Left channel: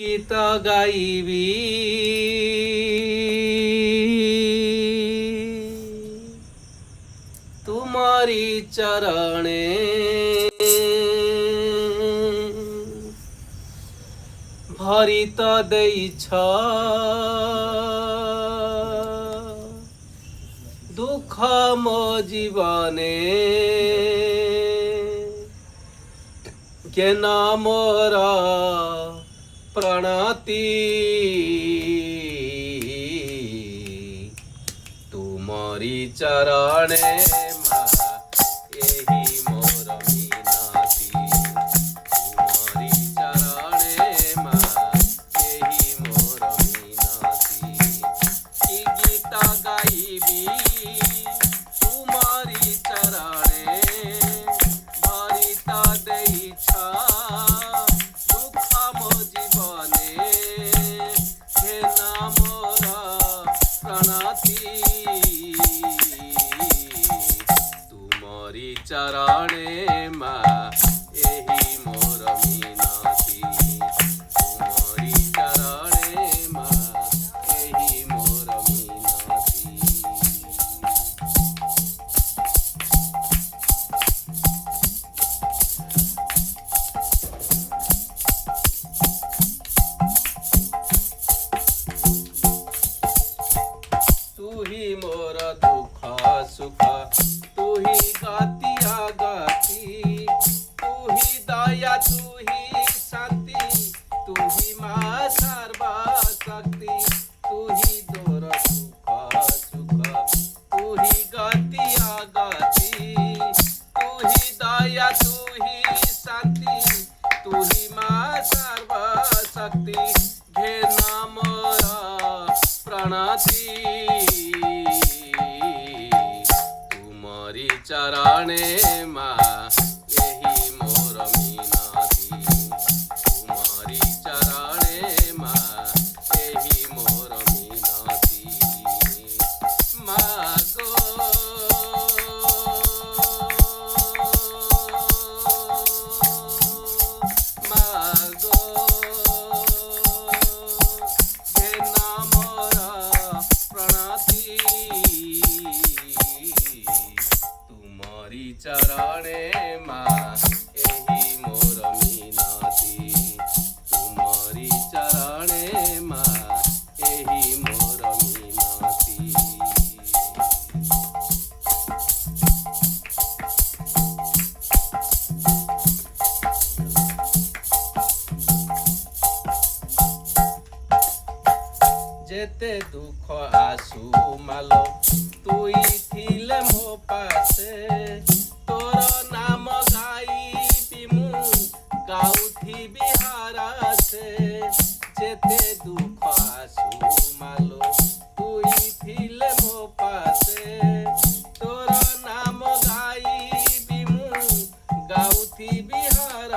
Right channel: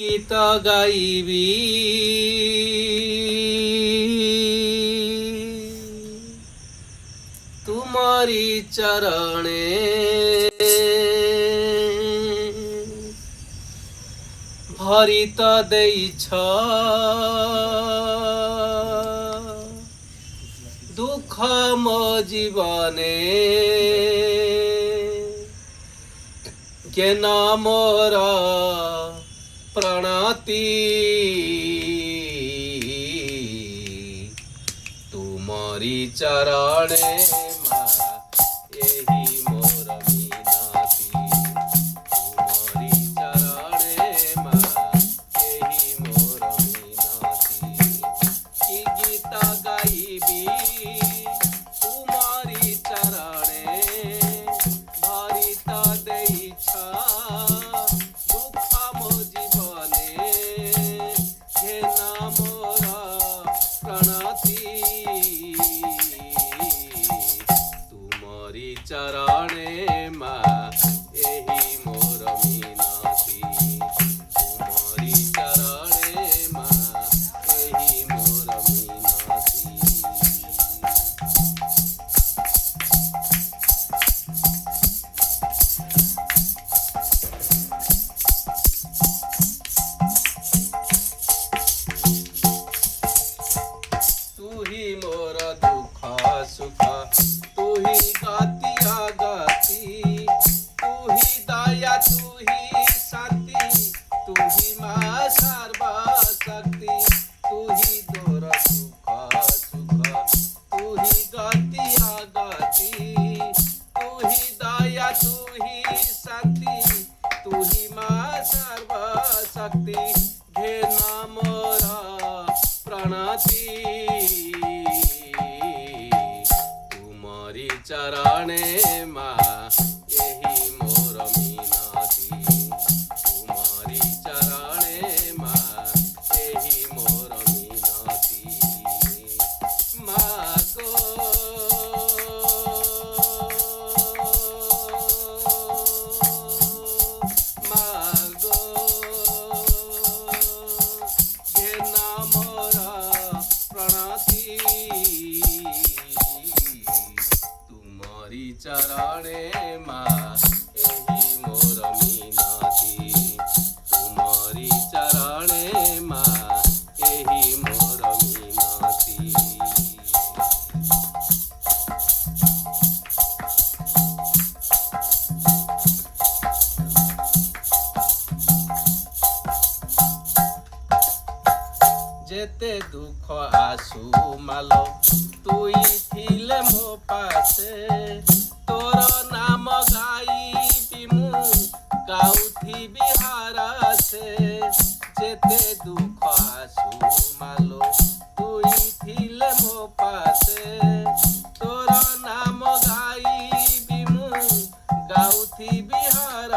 गीत गाइबी तुम्हारी चरणे भरित देइछ दुख मो जीवने के नामर प्रणति तुमरी चरणे मा एही मोर मीनाती तुमरी चरणे मा एही मोर मीनाती की गीत गाइबी तुमरी चरणे भरित देइछ दुख मो जीवने घेना मोर प्रणति तुमरी चरणे मा एही मोर मीनाती तुमरी चरणे मा एही मोर मीनाती। तू ही मोर दुख सुख तू ही गातिया गाती तू ही दया तू ही शांति तू ही माँ सर्वा शक्ति तू ही दोर सुख सुख तू ही गातिया गाती तू ही दया तू ही शांति तू ही माँ सर्वा शक्ति घे नाम प्रणति तुमरी चरणे मा एही मोर मीनाती तुमरी चरणे मा एही मोर मीनाती मागो मागो चरणे मा एही मोर मीनाती तुमरी चरणे मा एही मोर मीनाती। जेते दुख आसु मालो तुई थिले मो पासे तोर नाम गाइबी मु गाउथी बिहार से जेते दुख आसु मालो तुई थिले मो पासे तोर नाम गाइबी मु गाउथी बिहार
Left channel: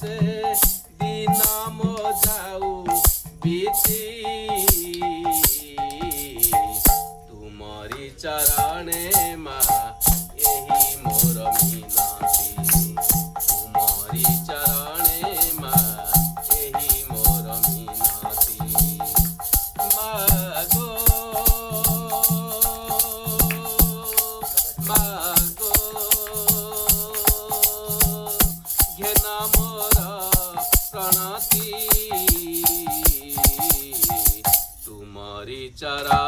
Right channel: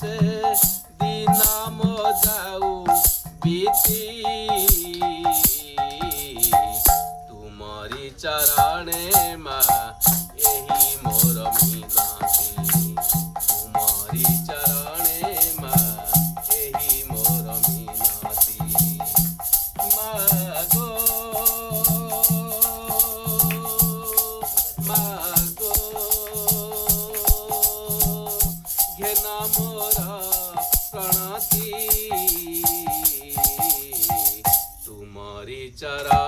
से दिन मो जाऊ बीती तुमरी चरणे मा एही मोर मीनाती तुमरी चरणे मा एही मोर मीनाती मागो मागो घेना मोर प्रणति तुमरी चरण